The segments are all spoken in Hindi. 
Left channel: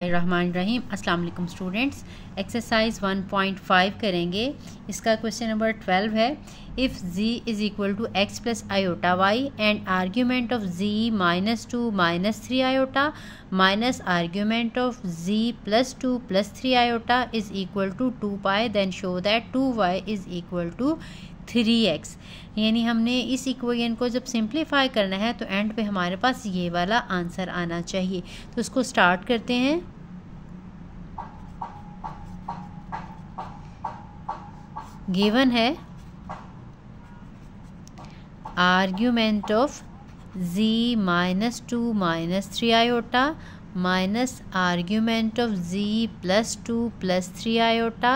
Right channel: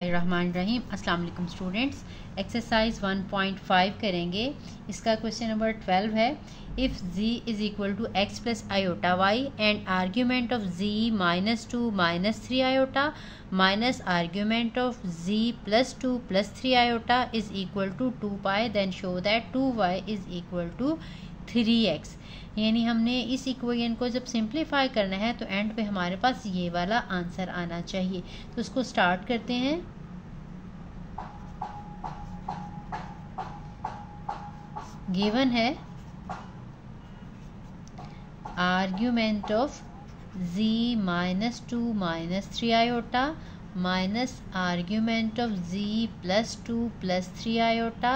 रहमान रहीम। अस्सलाम वालेकुम स्टूडेंट्स। एक्सरसाइज 1.5 करेंगे। इसका क्वेश्चन नंबर 12 है। If z is equal to x plus iota y and argument of z -2 -3 iota minus argument of z +2 +3 iota is equal to 2 pi, then show that 2y is equal to 3x। यानी हमने इस इक्वेशन को जब सिंप्लीफाई करना है तो एंड पे हमारे पास ये वाला आंसर आना चाहिए। तो इसको स्टार्ट करते हैं। गिवन है argument of z -2 -3 iota minus argument of z +2 +3 iota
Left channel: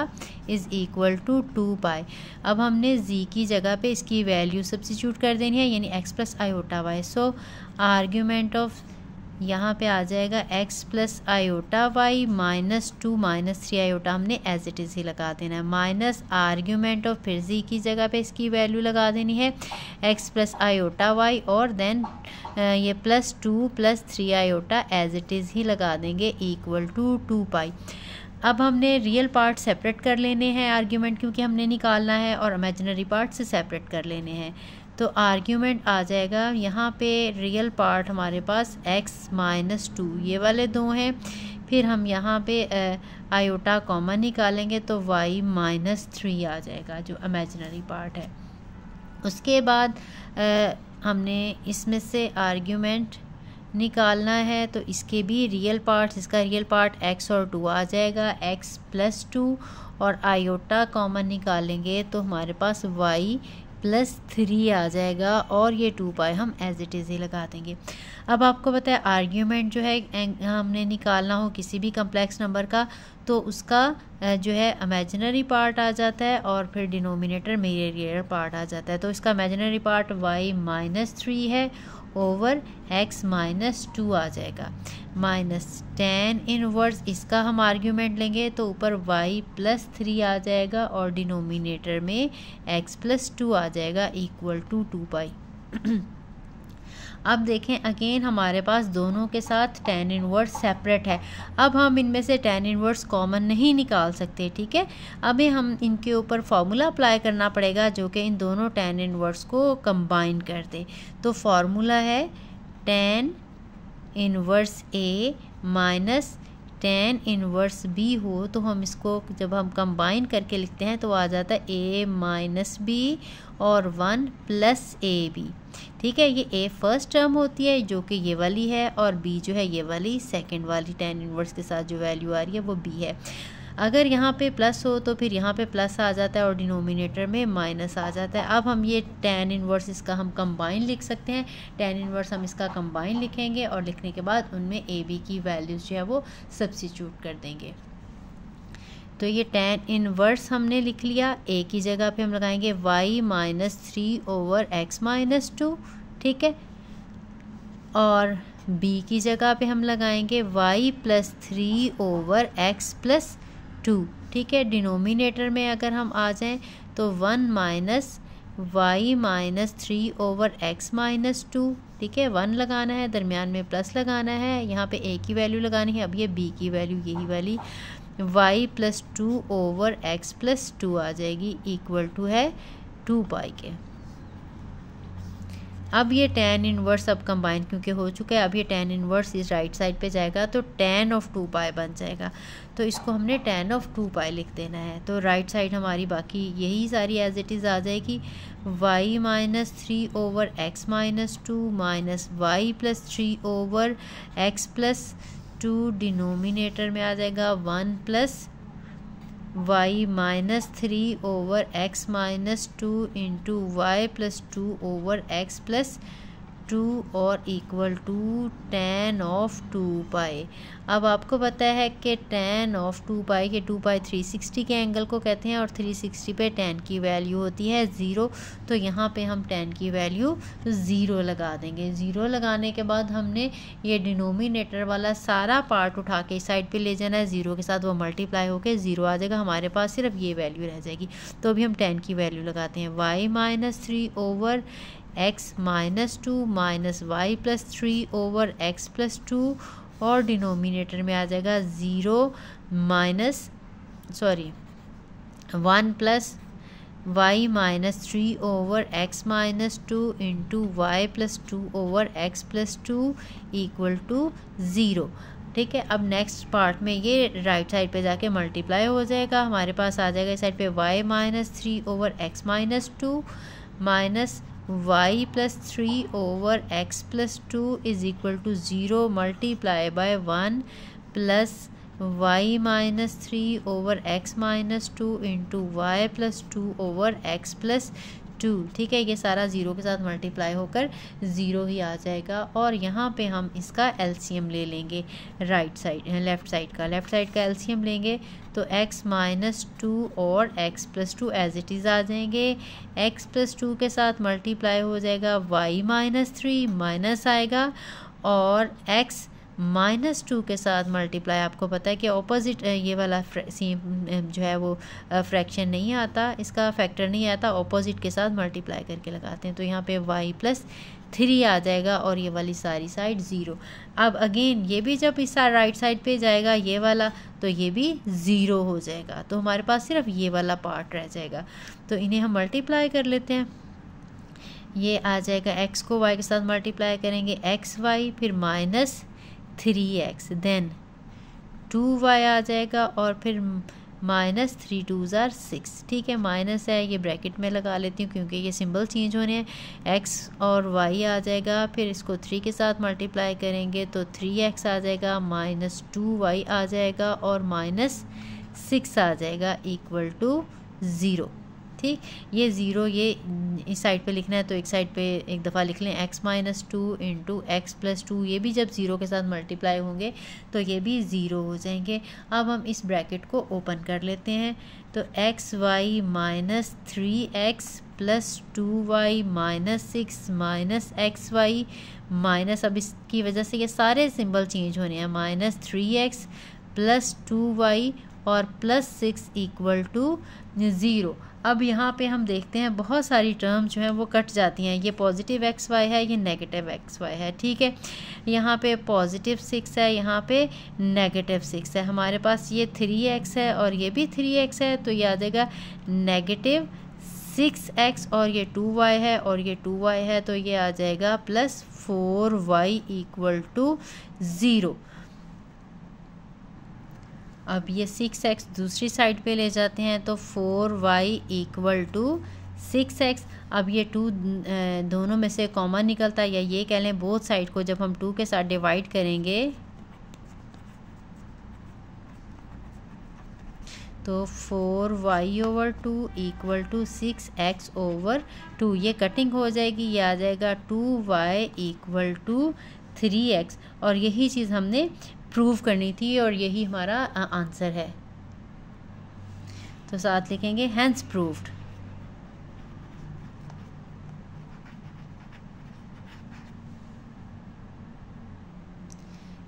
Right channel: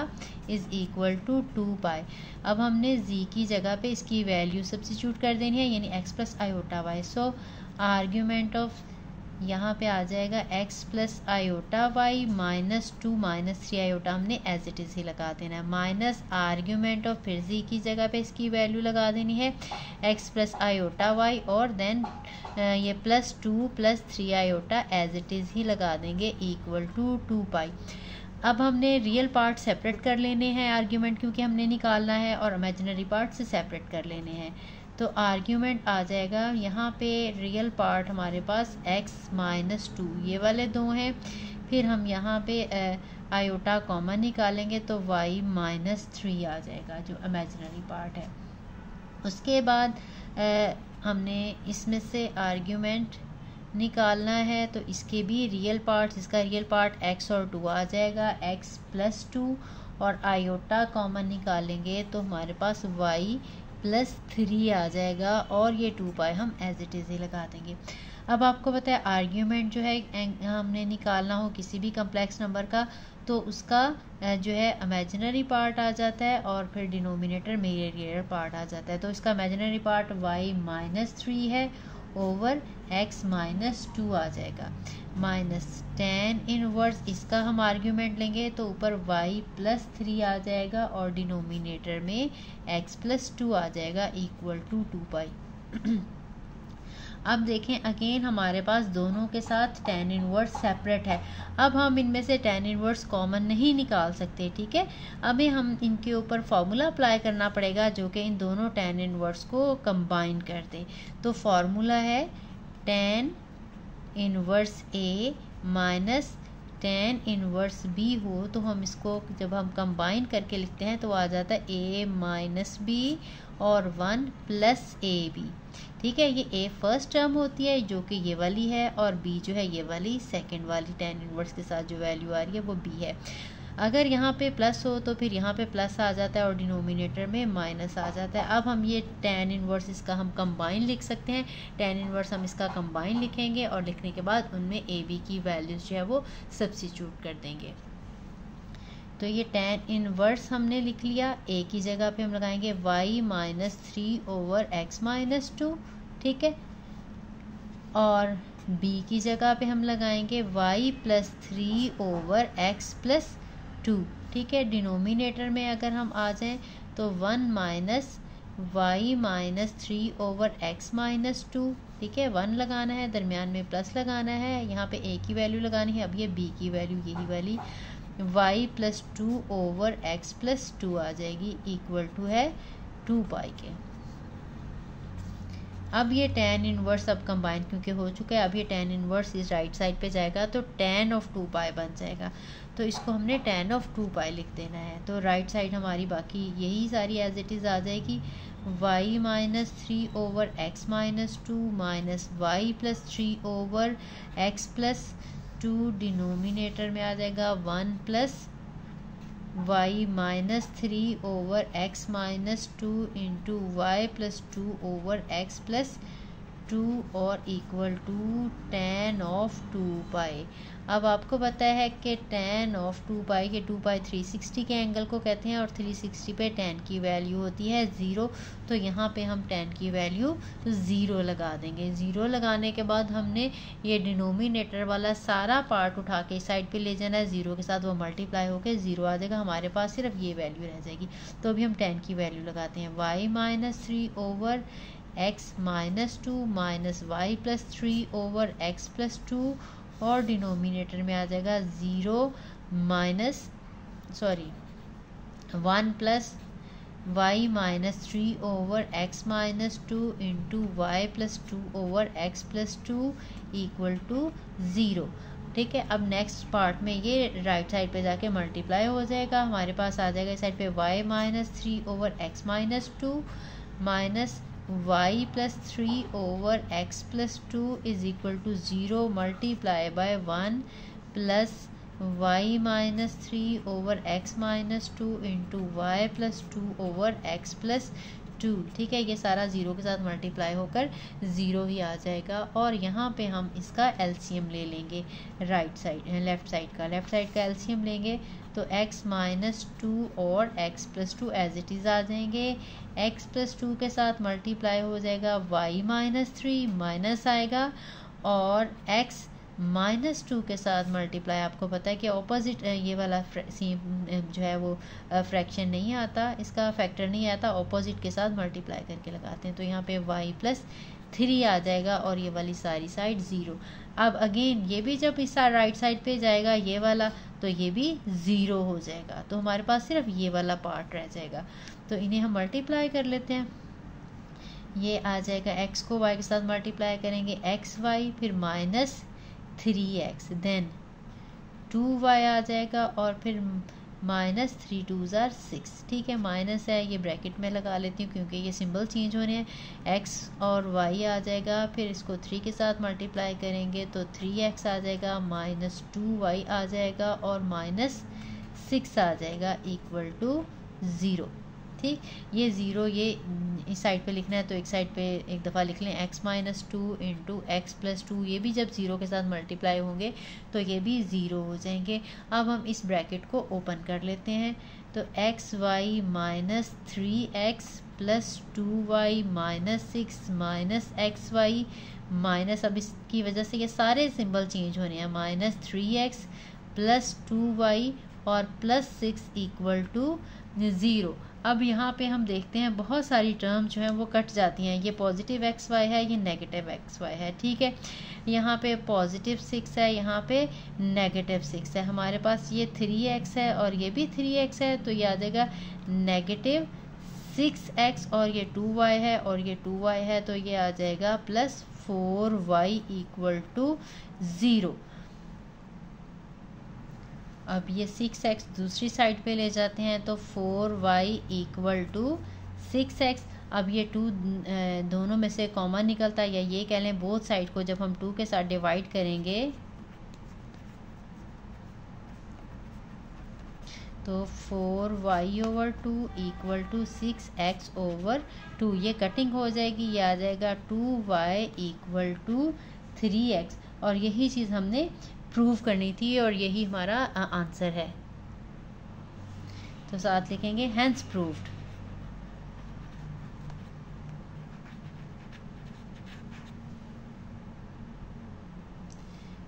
is equal to 2 pi. अब हमने z की जगह पे इसकी वैल्यू सब्स्टिट्यूट कर देनी है, यानी x plus iota y. So argument of यहाँ पे आ जाएगा x plus iota y -2 -3 iota हमने एज इट इज़ ही लगा देना है, माइनस आर्ग्यूमेंट ऑफ फिर z की जगह पे इसकी वैल्यू लगा देनी है x प्लस आयोटा वाई, और देन ये +2 +3 आयोटा एज इट इज़ ही लगा देंगे इक्वल टू 2 पाई। अब हमने रियल पार्ट सेपरेट कर लेने हैं आर्ग्यूमेंट, क्योंकि हमने निकालना है, और इमेजिनरी पार्ट से सेपरेट कर लेने हैं। तो आर्ग्यूमेंट आ जाएगा यहाँ पे रियल पार्ट हमारे पास x -2, ये वाले दो हैं। फिर हम यहाँ पे आयोटा कॉमन निकालेंगे तो y -3 आ जाएगा जो इमेजिनरी पार्ट है। उसके बाद हमने इसमें से आर्ग्यूमेंट निकालना है, तो इसके भी रियल पार्ट, इसका रियल पार्ट x और 2 आ जाएगा, x +2, और आयोटा कॉमन निकालेंगे तो हमारे पास y +3 आ जाएगा, और ये 2 पाई हम एज इट इज़ ही लगा देंगे। अब आपको पता है आर्ग्यूमेंट जो है हमने निकालना हो किसी भी कम्प्लेक्स नंबर का, तो उसका जो है इमेजिनरी पार्ट आ जाता है, और फिर डिनोमिनेटर में ये रियल पार्ट आ जाता है। तो इसका इमेजिनरी पार्ट y -3 है ओवर x -2 आ जाएगा, -tan इनवर्स इसका हम आर्ग्यूमेंट लेंगे तो ऊपर y +3 आ जाएगा, और डिनोमिनेटर में x +2 आ जाएगा इक्वल टू 2 पाई। अब देखें अगेन हमारे पास दोनों के साथ tan इनवर्स सेपरेट है। अब हम इनमें से tan इनवर्स कॉमन नहीं निकाल सकते, ठीक है। अभी हम इनके ऊपर फार्मूला अप्लाई करना पड़ेगा जो कि इन दोनों tan इनवर्स को कंबाइन कर दे। तो फार्मूला है tan inverse A minus tan inverse B हो, तो हम इसको जब हम कंबाइन करके लिखते हैं तो आ जाता है A - B और 1 + AB, ठीक है। ये A फर्स्ट टर्म होती है जो कि ये वाली है, और B जो है ये वाली सेकंड वाली tan इनवर्स के साथ जो वैल्यू आ रही है वो B है। अगर यहाँ पे प्लस हो तो फिर यहाँ पे प्लस आ जाता है और डिनोमिनेटर में माइनस आ जाता है। अब हम ये tan इनवर्स इसका हम कंबाइन लिख सकते हैं। tan इनवर्स हम इसका कंबाइन लिखेंगे, और लिखने के बाद उनमें AB की वैल्यूज़ जो है वो सब्स्टिट्यूट कर देंगे। तो ये tan इनवर्स हमने लिख लिया। A की जगह पे हम लगाएंगे y -3 ओवर x -2, ठीक है, और B की जगह पे हम लगाएंगे y +3 ओवर x +2, ठीक है। डिनोमिनेटर में अगर हम आ जाएं तो 1 y -3 ओवर x -2, ठीक है। 1 लगाना है, दरमियान में प्लस लगाना है, यहाँ पे A की वैल्यू लगानी है। अब ये B की वैल्यू यही वाली y +2 ओवर x +2 आ जाएगी इक्वल टू है 2 पाई के। अब ये tan इनवर्स अब कंबाइन क्योंकि हो चुका है, अब ये tan इनवर्स इस राइट साइड पे जाएगा तो tan ऑफ 2 पाई बन जाएगा। तो इसको हमने tan ऑफ 2 पाई लिख देना है। तो राइट साइड हमारी बाकी यही सारी एज इट इज़ आ जाएगी, y -3 over x -2 minus y +3 over x +2, denominator में आ जाएगा 1 + y -3 over x -2 into y +2 over x +2 और equal to tan of 2 pi. अब आपको पता है कि tan ऑफ 2 पाई के 2 पाई 360 के एंगल को कहते हैं, और 360 पे tan की वैल्यू होती है 0। तो यहाँ पे हम tan की वैल्यू 0 लगा देंगे। 0 लगाने के बाद हमने ये डिनोमिनेटर वाला सारा पार्ट उठा के इस साइड पे ले जाना है, 0 के साथ वो मल्टीप्लाई होके 0 आ जाएगा, हमारे पास सिर्फ ये वैल्यू रह जाएगी। तो अभी हम tan की वैल्यू लगाते हैं, y -3 over x -2 minus y +3 over x +2 और डिनोमिनेटर में आ जाएगा 1 plus y minus 3 over x minus 2 into y plus 2 over x plus 2 equal to 0। ठीक है, अब नेक्स्ट पार्ट में ये राइट साइड पे जाके मल्टीप्लाई हो जाएगा, हमारे पास आ जाएगा इस साइड पे y minus 3 over x minus 2 minus y plus 3 over x plus 2 is equal to 0 multiply by 1 plus y minus 3 over x minus 2 into y plus 2 over x plus 2। ठीक है, ये सारा ज़ीरो के साथ मल्टीप्लाई होकर ज़ीरो ही आ जाएगा। और यहाँ पे हम इसका एलसीएम ले लेंगे, लेफ़्ट साइड का एलसीएम लेंगे तो x माइनस 2 और x plus 2 as it is आ जाएंगे। x प्लस 2 के साथ मल्टीप्लाई हो जाएगा y माइनस 3 माइनस आएगा, और x माइनस 2 के साथ मल्टीप्लाई, आपको पता है कि ऑपोजिट ये वाला जो है वो फ्रैक्शन नहीं आता, इसका फैक्टर नहीं आता, ऑपोजिट के साथ मल्टीप्लाई करके लगाते हैं तो यहाँ पे y प्लस 3 आ जाएगा और ये वाली सारी साइड 0। अब अगेन ये भी जब इस राइट साइड पे जाएगा ये वाला, तो ये भी 0 हो जाएगा, तो हमारे पास सिर्फ ये वाला पार्ट रह जाएगा। तो इन्हें हम मल्टीप्लाई कर लेते हैं। ये आ जाएगा x को y के साथ मल्टीप्लाई करेंगे xy, फिर माइनस 3x, देन 2y आ जाएगा, और फिर माइनस 3 2 ज़ार 6। ठीक है, माइनस है ये ब्रैकेट में लगा लेती हूँ क्योंकि ये सिंबल चेंज होने हैं। x और y आ जाएगा, फिर इसको 3 के साथ मल्टीप्लाई करेंगे तो 3x आ जाएगा, माइनस 2y आ जाएगा, और माइनस 6 आ जाएगा इक्वल टू 0। ठीक, ये 0 ये इस साइड पे लिखना है तो एक साइड पे एक दफ़ा लिख लें x minus 2 into x plus 2, ये भी जब 0 के साथ मल्टीप्लाई होंगे तो ये भी 0 हो जाएंगे। अब हम इस ब्रैकेट को ओपन कर लेते हैं तो xy minus 3x plus 2y minus 6 minus xy minus, अब इसकी वजह से ये सारे सिंबल चेंज होने हैं, माइनस 3x प्लस 2y और प्लस 6 इक्वल टू 0। अब यहाँ पे हम देखते हैं बहुत सारी टर्म जो हैं वो कट जाती हैं, ये पॉजिटिव xy है, ये नेगेटिव xy है। ठीक है, यहाँ पे पॉजिटिव 6 है, यहाँ पे नेगेटिव 6 है, हमारे पास ये 3x है और ये भी 3x है, तो ये आ जाएगा नेगेटिव 6x, और ये 2y है और ये 2y है, तो ये आ जाएगा प्लस 4y इक्वल टू 0। अब ये 6x दूसरी साइड पे ले जाते हैं तो 4y इक्वल टू 6x। अब ये 2 दोनों में से कॉमन निकलता है, या ये कह लें बोथ साइड को जब हम 2 के साथ डिवाइड करेंगे तो 4y over 2 equal to 6x over 2, ये कटिंग हो जाएगी, ये आ जाएगा 2y इक्वल टू 3x, और यही चीज़ हमने प्रूव करनी थी और यही हमारा आंसर है। तो साथ लिखेंगे हेंस प्रूव्ड।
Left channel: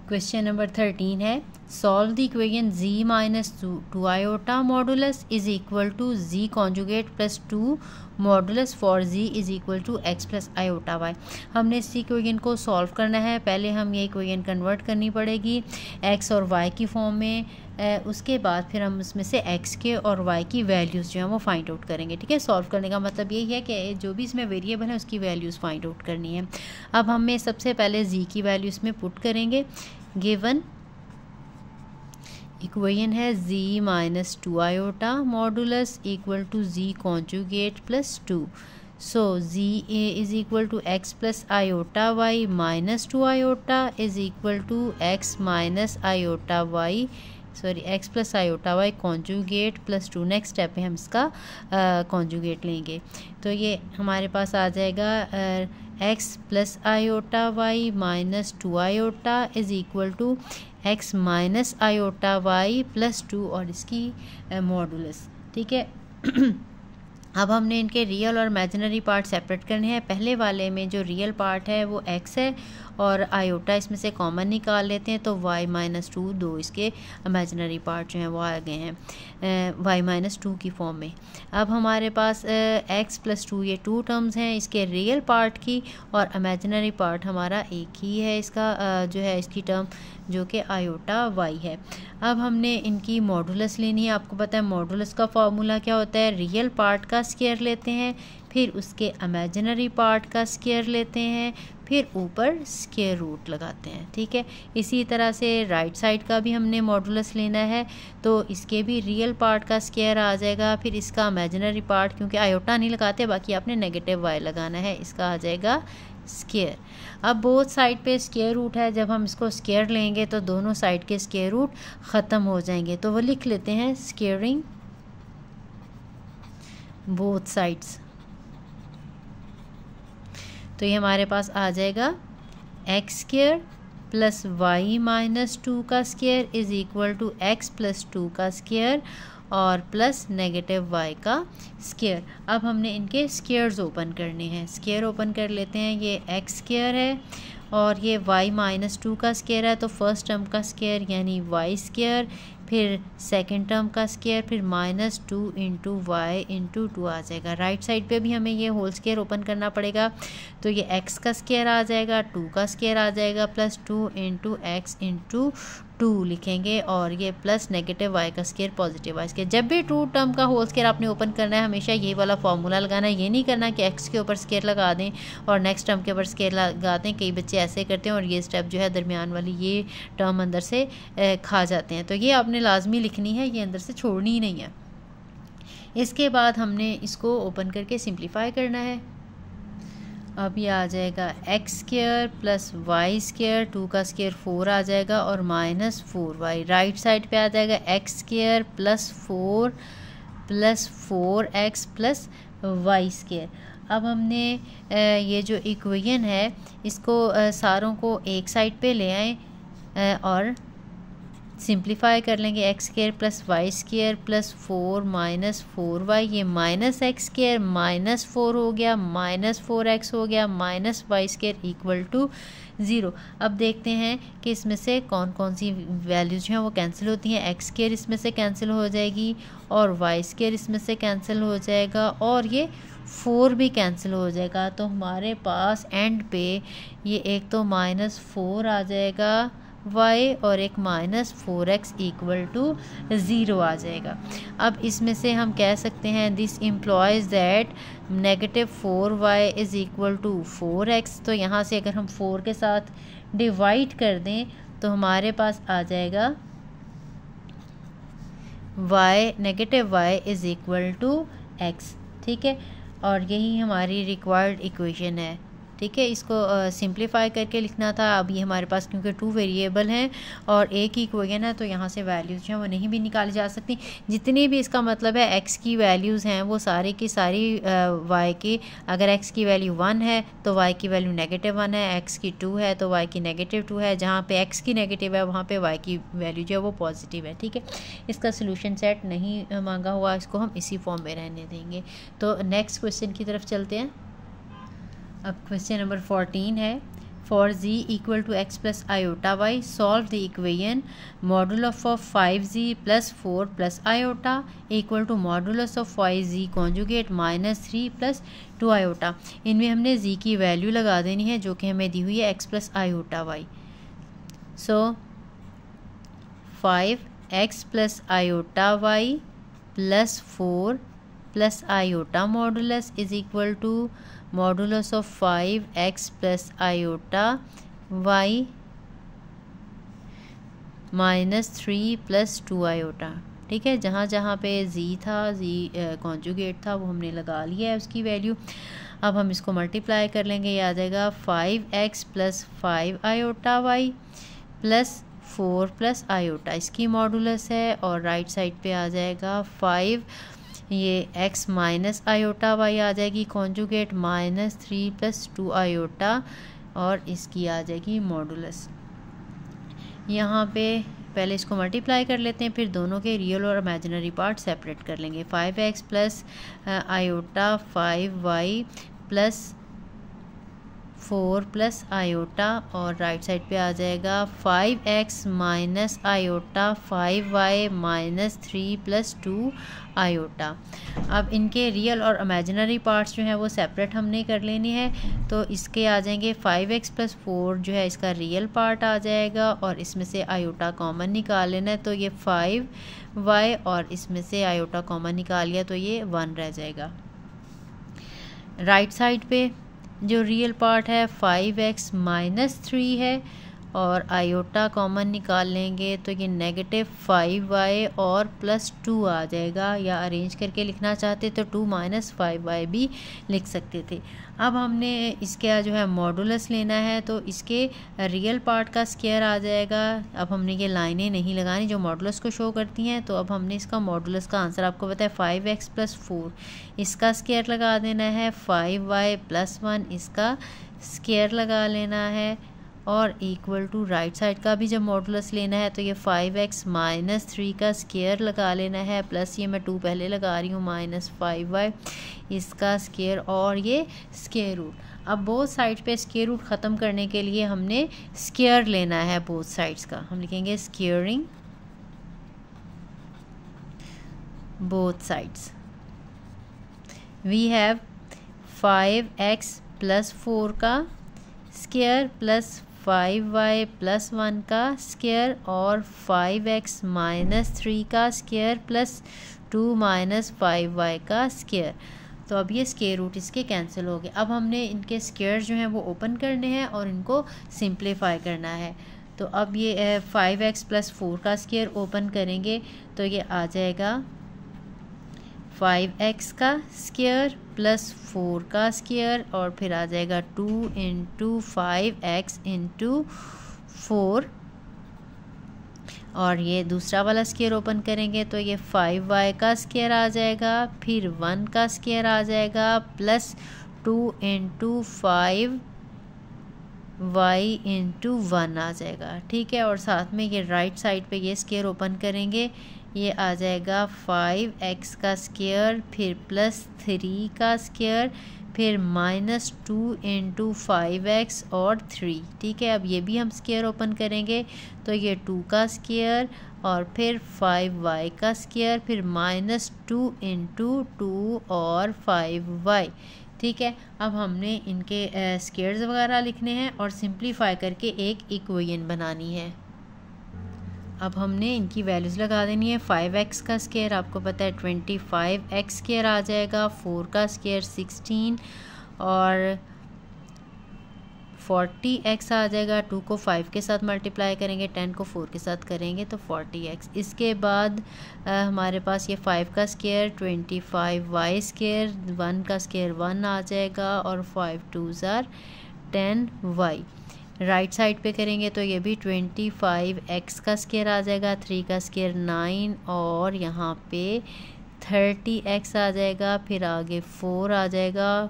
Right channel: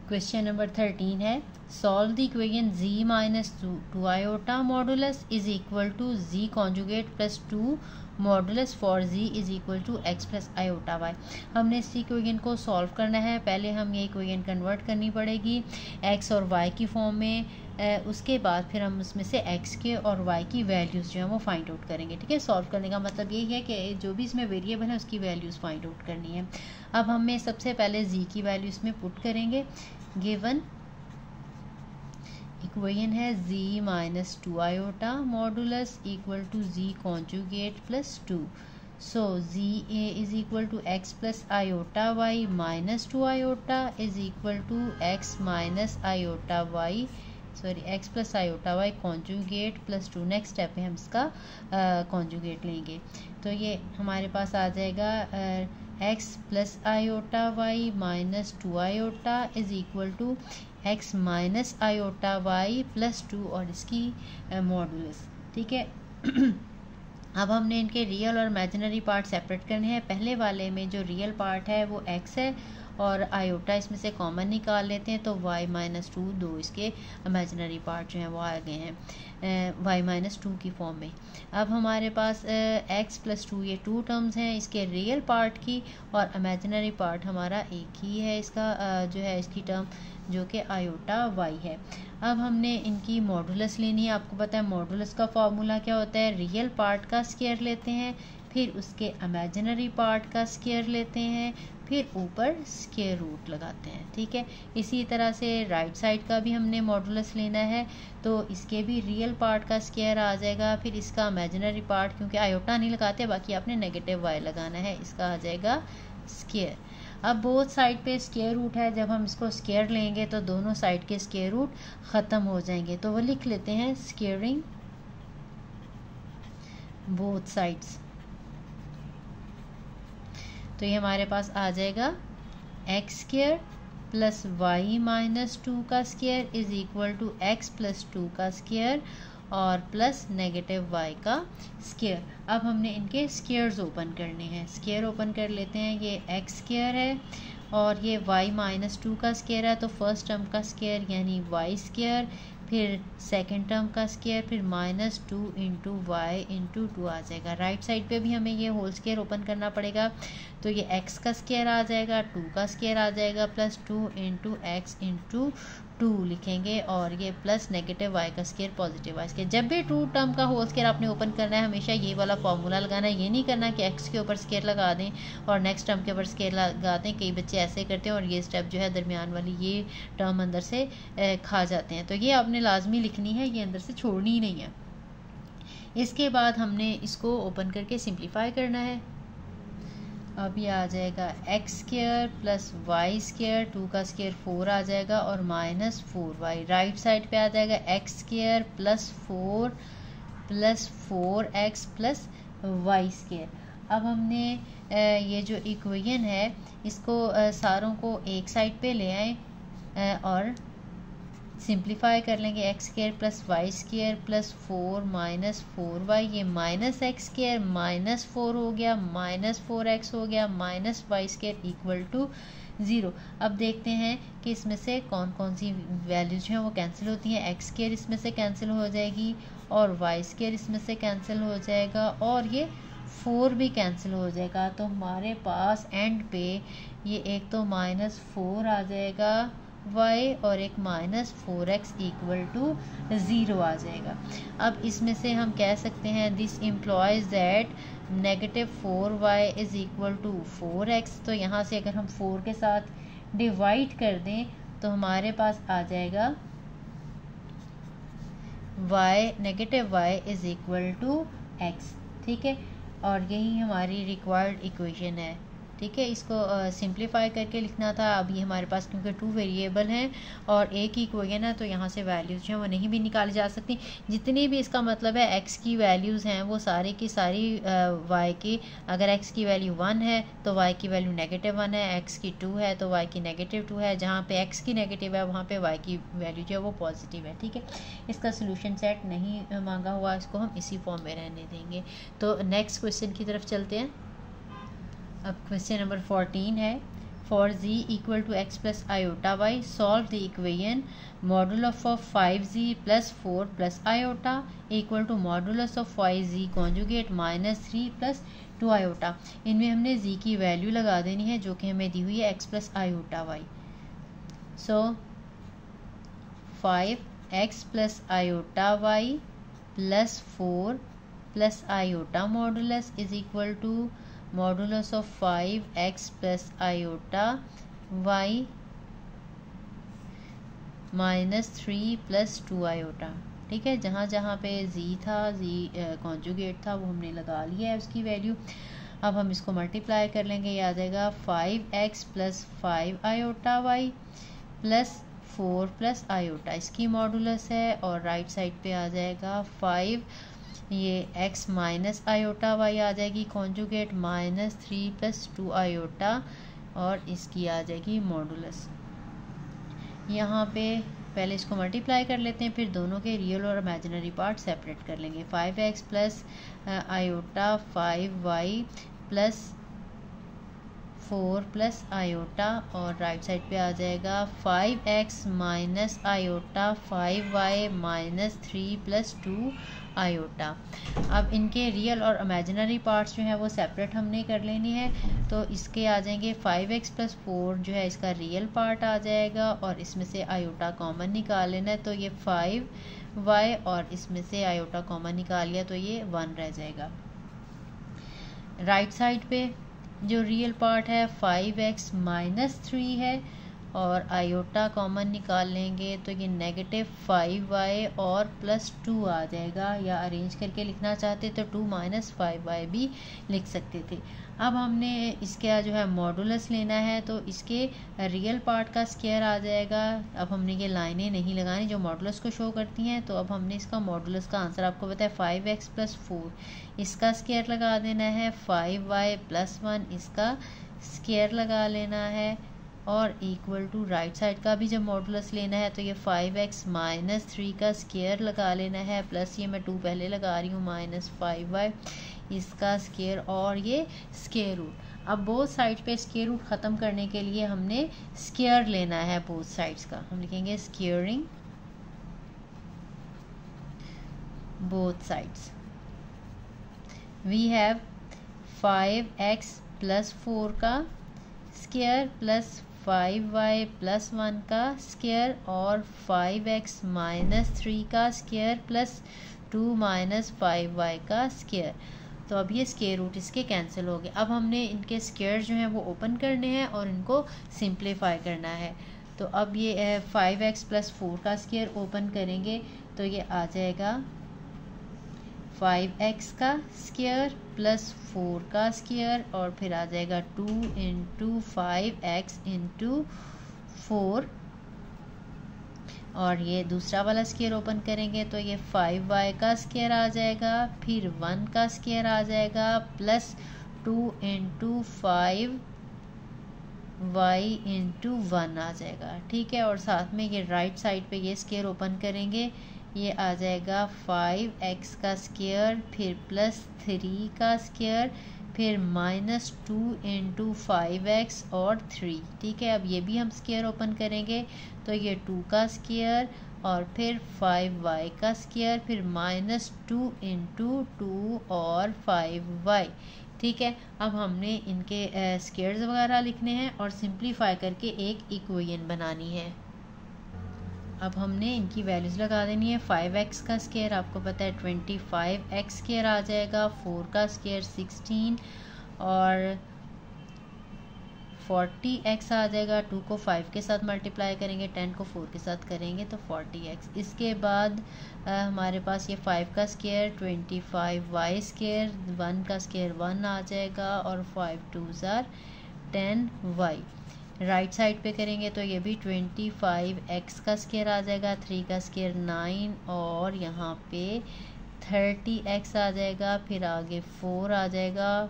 क्वेश्चन नंबर 13 है, solve the equation z minus 2 iota modulus is equal to z conjugate plus 2 modulus for z is equal to x plus iota y। हमने इस इक्वेशन को सॉल्व करना है, पहले हम ये इक्वेशन कन्वर्ट करनी पड़ेगी x और y की फॉर्म में, उसके बाद फिर हम उसमें से x के और y की वैल्यूज़ जो हैं वो फाइंड आउट करेंगे। ठीक है, सॉल्व करने का मतलब यही है कि जो भी इसमें वेरिएबल है उसकी वैल्यूज़ फाइंड आउट करनी है। अब हमें सबसे पहले z की वैल्यू इसमें पुट करेंगे। गिवन इक्वेशन है z minus 2 iota modulus equal to z conjugate plus 2, so z is equal to x plus iota y minus 2 iota is equal to x minus iota y, sorry x plus iota y conjugate plus 2। Next step पे हम इसका कॉन्जुगेट लेंगे तो ये हमारे पास आ जाएगा x plus iota y minus 2 iota is equal to x minus iota y plus 2 और इसकी मॉडुलस। ठीक है, अब हमने इनके रियल और इमेजिनरी पार्ट सेपरेट करने हैं। पहले वाले में जो रियल पार्ट है वो x है और आयोटा इसमें से कॉमन निकाल लेते हैं तो y माइनस 2, दो इसके इमेजिनरी पार्ट जो हैं वो आ गए हैं y माइनस 2 की फॉर्म में। अब हमारे पास x प्लस 2 ये 2 टर्म्स हैं इसके रियल पार्ट की, और इमेजिनरी पार्ट हमारा एक ही है इसका जो है इसकी टर्म जो कि आयोटा वाई है। अब हमने इनकी मॉडुलस लेनी है। आपको पता है मॉडुलस का फॉर्मूला क्या होता है, रियल पार्ट का स्क्वायर लेते हैं, फिर उसके इमेजिनरी पार्ट का स्क्वायर लेते हैं, फिर ऊपर स्क्वायर रूट लगाते हैं। ठीक है, इसी तरह से राइट साइड का भी हमने मॉडुलस लेना है, तो इसके भी रियल पार्ट का स्क्वायर आ जाएगा, फिर इसका इमेजिनरी पार्ट, क्योंकि आयोटा नहीं लगाते बाकी आपने नेगेटिव वाई लगाना है, इसका आ जाएगा स्क्वायर। अब बोथ साइड पे स्क्वायर रूट है, जब हम इसको स्क्वायर लेंगे तो दोनों साइड के स्क्वायर रूट ख़त्म हो जाएंगे, तो वो लिख लेते हैं स्क्वायरिंग बोथ साइड्स। तो ये हमारे पास आ जाएगा x square plus y minus 2 का square is equal to x plus 2 का स्क्वायर और प्लस नेगेटिव वाई का स्क्वायर। अब हमने इनके स्क्वायर्स ओपन करने हैं। स्क्वायर ओपन कर लेते हैं। ये एक्स स्क्वायर है और ये वाई माइनस 2 का स्क्वायर है, तो फर्स्ट टर्म का स्क्वायर यानी वाई स्क्वायर, फिर सेकंड टर्म का स्क्वायर, फिर माइनस 2 इंटू वाई इंटू 2 आ जाएगा। राइट साइड पे भी हमें ये होल स्क्वायर ओपन करना पड़ेगा, तो ये एक्स का स्क्वायर आ जाएगा, 2 का स्क्वायर आ जाएगा, प्लस 2 इंटू एक्स इंटू 2 लिखेंगे, और ये प्लस नेगेटिव वाई का स्क्वायर पॉजिटिव वाई स्क्वायर। जब भी 2 टर्म का होल स्क्वायर आपने ओपन करना है हमेशा ये वाला फॉर्मूला लगाना है। ये नहीं करना कि एक्स के ऊपर स्क्वायर लगा दें और नेक्स्ट टर्म के ऊपर स्क्वायर लगा दें। कई बच्चे ऐसे करते हैं और ये स्टेप जो है दरमियान वाली ये टर्म अंदर से खा जाते हैं, तो ये आपने लाजमी लिखनी है, ये अंदर से छोड़नी ही नहीं है। इसके बाद हमने इसको ओपन करके सिंप्लीफाई करना है। अब ये आ जाएगा x square plus y square, 2 का स्क्वायर 4 आ जाएगा और माइनस 4y। राइट साइड पे आ जाएगा x square plus 4x plus y square. अब हमने ये जो इक्वेशन है इसको सारों को एक साइड पे ले आए और सिंप्लीफाई कर लेंगे। X square plus y square plus 4 minus 4y, ये माइनस एक्स स्क्वायर माइनस 4 हो गया, माइनस 4x हो गया, minus y square equal to 0। अब देखते हैं कि इसमें से कौन कौन सी वैल्यूज हैं वो कैंसिल होती हैं। एक्स स्क्वायर इसमें से कैंसिल हो जाएगी और वाई स्क्वायर इसमें से कैंसिल हो जाएगा और ये 4 भी कैंसिल हो जाएगा। तो हमारे पास एंड पे ये एक तो माइनस 4 आ जाएगा y और एक माइनस 4x इक्वल टू 0 आ जाएगा। अब इसमें से हम कह सकते हैं this implies that negative 4y is equal to 4x। तो यहाँ से अगर हम 4 के साथ डिवाइड कर दें तो हमारे पास आ जाएगा y negative y is equal to x। ठीक है, और यही हमारी रिक्वायर्ड इक्वेशन है। ठीक है, इसको सिंप्लीफाई करके लिखना था। अब ये हमारे पास क्योंकि 2 वेरिएबल हैं और एक ही इक्वेशन है तो यहाँ से वैल्यूज़ जो हैं वो नहीं भी निकाली जा सकती। जितनी भी इसका मतलब है x की वैल्यूज़ हैं वो सारी की सारी y की, अगर x की वैल्यू 1 है तो y की वैल्यू नेगेटिव 1 है, x की 2 है तो y की नेगेटिव 2 है, जहाँ पे x की नेगेटिव है वहाँ पे y की वैल्यू जो है वो पॉजिटिव है। ठीक है, इसका सोल्यूशन सेट नहीं मांगा हुआ, इसको हम इसी फॉर्म में रहने देंगे। तो नेक्स्ट क्वेश्चन की तरफ चलते हैं। अब क्वेश्चन नंबर 14 है, for z equal to x plus iota y solve the equation modulus of 5z plus 4 plus iota equal to modulus of 5z conjugate minus 3 plus 2 iota. इनमें हमने z की वैल्यू लगा देनी है जो कि हमें दी हुई है x plus iota y. So 5x plus iota y plus 4 plus iota modulus is equal to modulus of 5x plus iota y minus 3 plus 2 iota. ठीक है, जहाँ जहाँ पे z था, z कॉन्जुगेट था, वो हमने लगा लिया है उसकी वैल्यू। अब हम इसको मल्टीप्लाई कर लेंगे, ये आ जाएगा 5x plus 5 iota y plus 4 plus iota, इसकी मॉडुलस है, और राइट साइड पे आ जाएगा 5, ये x माइनस आयोटा y आ जाएगी कॉन्जुगेट माइनस 3 प्लस 2 आयोटा, और इसकी आ जाएगी मॉडुलस। यहाँ पे पहले इसको मल्टीप्लाई कर लेते हैं, फिर दोनों के रियल और इमेजिनरी पार्ट सेपरेट कर लेंगे। 5x plus iota 5y plus 4 plus iota और राइट साइड पे आ जाएगा 5x minus iota 5y minus 3 plus 2 iota. अब इनके रियल और इमेजिनरी पार्ट्स जो हैं वो सेपरेट हमने कर लेनी है। तो इसके आ जाएंगे 5x प्लस 4 जो है इसका रियल पार्ट आ जाएगा और इसमें से आयोटा कॉमन निकाल लेना है, तो ये 5y और इसमें से आयोटा कॉमन निकाल लिया तो ये 1 रह जाएगा। राइट साइड पे जो रियल पार्ट है 5x माइनस 3 है और आयोटा कॉमन निकाल लेंगे तो ये नेगेटिव 5y और प्लस 2 आ जाएगा, या अरेंज करके लिखना चाहते तो 2 माइनस 5y भी लिख सकते थे। अब हमने इसका जो है मॉडुलस लेना है, तो इसके रियल पार्ट का स्क्वायर आ जाएगा। अब हमने ये लाइनें नहीं लगानी जो मॉडुलस को शो करती हैं, तो अब हमने इसका मॉडुलस का आंसर आपको पता है 5x प्लस 4, इसका स्क्वायर लगा देना है, 5y प्लस 1 इसका स्क्वायर लगा लेना है और इक्वल टू राइट साइड का भी जब मॉडुलस लेना है तो ये 5x माइनस 3 का स्क्वायर लगा लेना है, प्लस ये मैं 2 पहले लगा रही हूँ माइनस 5y इसका स्क्वायर और ये स्क्वायर रूट। अब बोथ साइड पे स्क्वायर रूट ख़त्म करने के लिए हमने स्क्वायर लेना है बोथ साइड्स का। हम लिखेंगे squaring both sides. We have 5x plus 4 का स्क्वायर प्लस 5y प्लस 1 का स्क्वायर और 5x माइनस 3 का स्क्वायर प्लस 2 माइनस 5y का स्क्वायर। तो अब ये स्क्वायर रूट इसके कैंसिल हो गए। अब हमने इनके स्क्वायर जो हैं वो ओपन करने हैं और इनको सिंप्लीफाई करना है। तो अब ये 5x प्लस 4 का स्क्वायर ओपन करेंगे तो ये आ जाएगा 5x का स्क्वायर प्लस 4 का स्क्वायर और फिर आ जाएगा 2 इंटू 5x इंटू 4 और ये दूसरा वाला स्क्वायर ओपन करेंगे तो ये 5y का स्क्वायर आ जाएगा, फिर 1 का स्क्वायर आ जाएगा प्लस 2 इंटू 5y इंटू 1 आ जाएगा। ठीक है, और साथ में ये राइट साइड पे ये स्क्वायर ओपन करेंगे, ये आ जाएगा 5x का स्क्वायर फिर प्लस 3 का स्क्वायर फिर माइनस 2 इंटू 5x और 3। ठीक है, अब ये भी हम स्क्वायर ओपन करेंगे तो ये 2 का स्क्वायर और फिर 5y का स्क्वायर फिर माइनस 2 इंटू 2 और 5y। ठीक है, अब हमने इनके स्क्वायर्स वगैरह लिखने हैं और सिंप्लीफाई करके एक इक्वेशन बनानी है। अब हमने इनकी वैल्यूज़ लगा देनी है। 5x का स्क्वायर आपको पता है 25x स्क्वायर आ जाएगा, 4 का स्क्वायर 16 और 40x आ जाएगा। 2 को 5 के साथ मल्टीप्लाई करेंगे, 10 को 4 के साथ करेंगे तो 40x। इसके बाद हमारे पास ये 5 का स्क्वायर 25y स्क्वायर, 1 का स्क्वायर 1 आ जाएगा और 5 2s are 10y। Right side पे करेंगे तो ये भी 25x का स्क्वायर आ जाएगा, 3 का स्क्वायर 9 और यहाँ पे 30x आ जाएगा, फिर आगे 4 आ जाएगा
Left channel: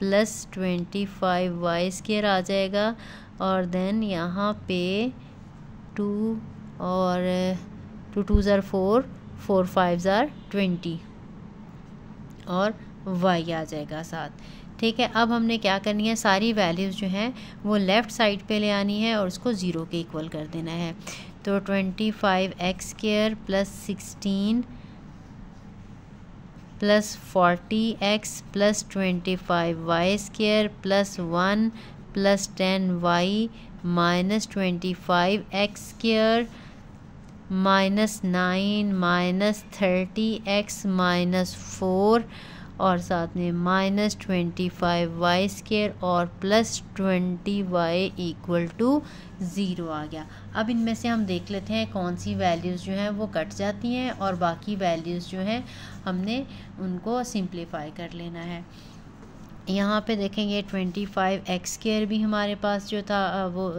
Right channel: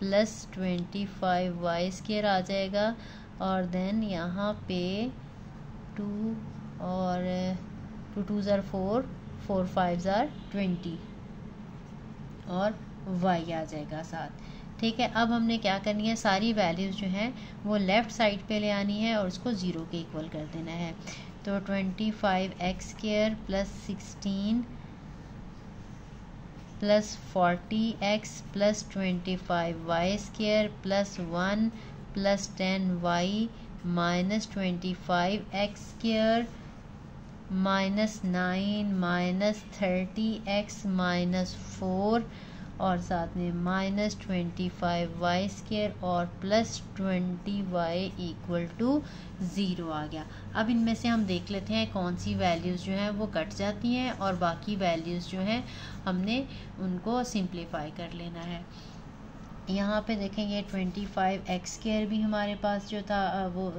प्लस 25y स्क्वायर आ जाएगा और देन यहाँ पे 2 और 2 2s are 4, 4 5s are 20 और y आ जाएगा साथ। ठीक है, अब हमने क्या करनी है, सारी वैल्यूज़ जो हैं वो लेफ़्ट साइड पे ले आनी है और उसको 0 के इक्वल कर देना है। तो 25x square plus 16 plus 40x plus 25y square plus 1 plus 10y minus 25x square minus 9 minus 30x minus 4 और साथ में माइनस 25y स्क्वायर और प्लस 20y इक्वल टू 0 आ गया। अब इनमें से हम देख लेते हैं कौन सी वैल्यूज़ जो हैं वो कट जाती हैं और बाकी वैल्यूज़ जो हैं हमने उनको सिंप्लीफाई कर लेना है। यहाँ पे देखेंगे 25x स्क्वायर भी हमारे पास जो था वो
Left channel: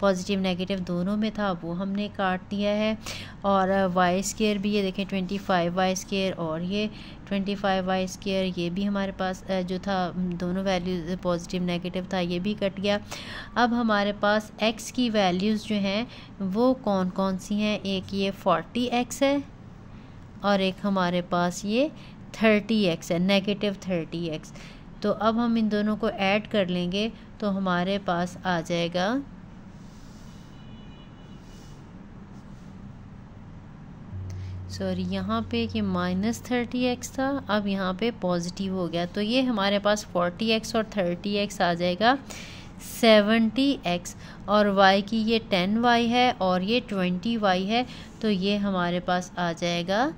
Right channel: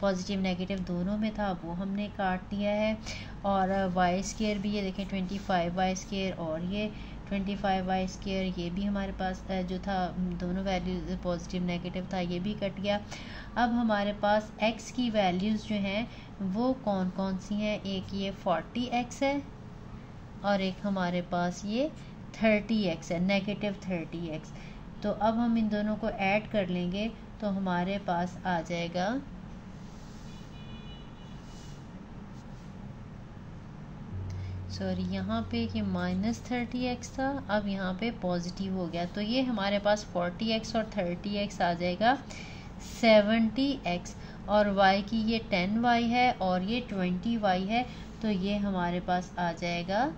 पॉजिटिव नेगेटिव दोनों में था, वो हमने काट दिया है और y स्क्वायर भी ये देखें 25y स्क्वायर और ये 25y स्क्वायर ये भी हमारे पास जो था दोनों वैल्यूज पॉजिटिव नेगेटिव था, ये भी कट गया। अब हमारे पास x की वैल्यूज़ जो हैं वो कौन कौन सी हैं, एक ये 40x है और एक हमारे पास ये 30x है, नेगेटिव 30x। तो अब हम इन दोनों को ऐड कर लेंगे तो हमारे पास आ जाएगा सॉरी यहाँ पे ये -30x था, अब यहाँ पे पॉजिटिव हो गया, तो ये हमारे पास 40x और 30x आ जाएगा 70x, और y की ये 10y है और ये 20y है, तो ये हमारे पास आ जाएगा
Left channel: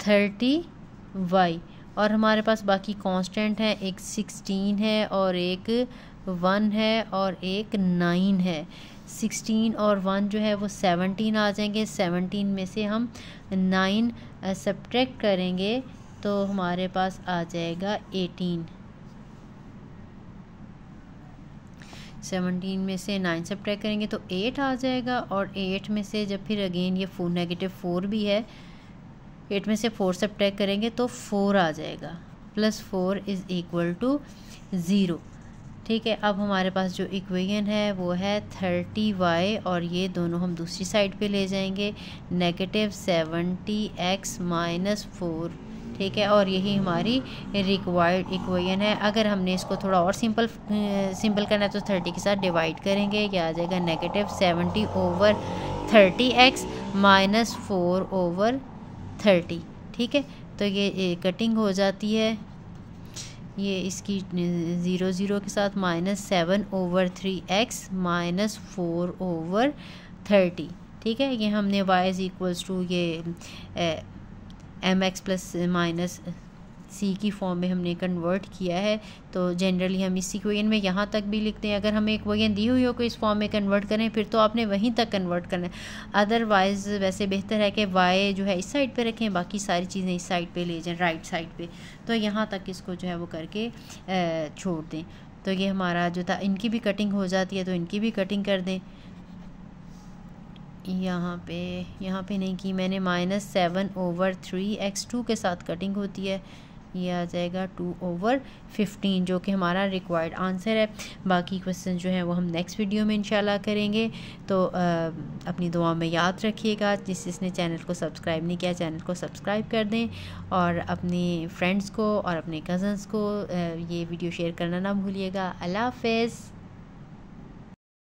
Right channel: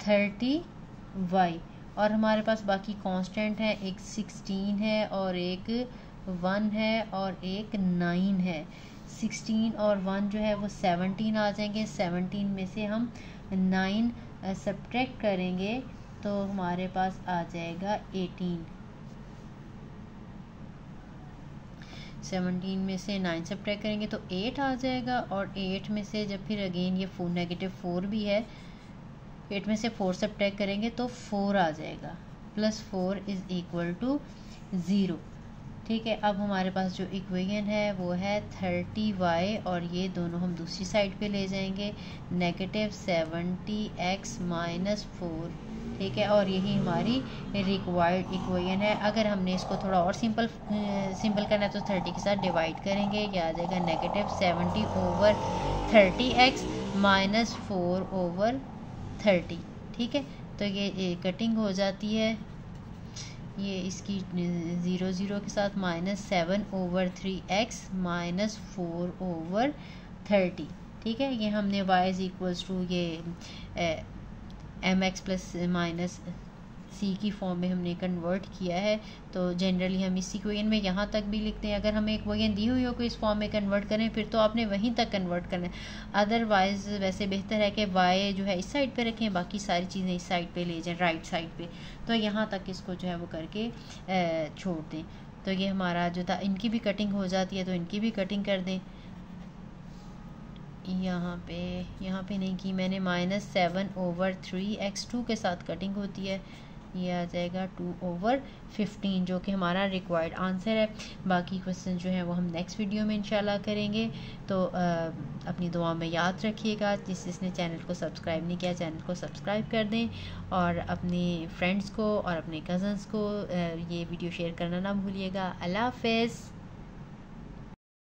30y। और हमारे पास बाकी कांस्टेंट है, एक 16 है और एक 1 है और एक 9 है। 16 और 1 जो है वो 17 आ जाएंगे, 17 में से हम 9 सब्ट्रैक्ट करेंगे तो हमारे पास आ जाएगा 18। 17 में से 9 सब्ट्रैक्ट करेंगे तो 8 आ जाएगा, और 8 में से जब फिर अगेन ये -4 भी है, 8 में से 4 सब्ट्रैक्ट करेंगे तो 4 आ जाएगा, +4 इज़ इक्वल टू 0। ठीक है, अब हमारे पास जो इक्वेशन है वो है 30y, और ये दोनों हम दूसरी साइड पे ले जाएंगे, -70x - 4। ठीक है, और यही हमारी रिक्वायर्ड इक्वेशन है। अगर हमने इसको थोड़ा और सिंपल करना है तो 30 के साथ डिवाइड करेंगे, क्या आ जाएगा -70/30x - 4/30। ठीक है, तो ये कटिंग हो जाती है, ये इसकी 0 0 के साथ -7/3x - 4/30। ठीक है, ये हमने y = ये mx ± c की फॉर्म में हमने कन्वर्ट किया है। तो जनरली हम इस इक्वेशन में यहाँ तक भी लिखते हैं। अगर हमें इक्वेशन दी हुई हो को इस फॉर्म में कन्वर्ट करें फिर तो आपने वहीं तक कन्वर्ट करना है, अदरवाइज़ वैसे बेहतर है कि y जो है इस साइड पे रखें, बाकी सारी चीज़ें इस साइड पे ले जाएं, राइट साइड पे। तो यहाँ तक इसको जो है वो करके छोड़ दें। तो ये हमारा जो था, इनकी भी कटिंग हो जाती है तो इनकी भी कटिंग कर दें। यहाँ पे नहीं की मैंने, -7/3x2 के साथ कटिंग होती है, ये आ जाएगा 2/15 जो कि हमारा रिक्वायर्ड आंसर है। बाकी क्वेश्चन जो है वो हम नेक्स्ट वीडियो में इंशाल्लाह करेंगे। तो अपनी दुआ में याद रखिएगा। जिसने चैनल को सब्सक्राइब नहीं किया, चैनल को सब्सक्राइब कर दें, और अपने फ्रेंड्स को और अपने कज़न्स को ये वीडियो शेयर करना ना भूलिएगा। अल्लाह हाफ़िज़।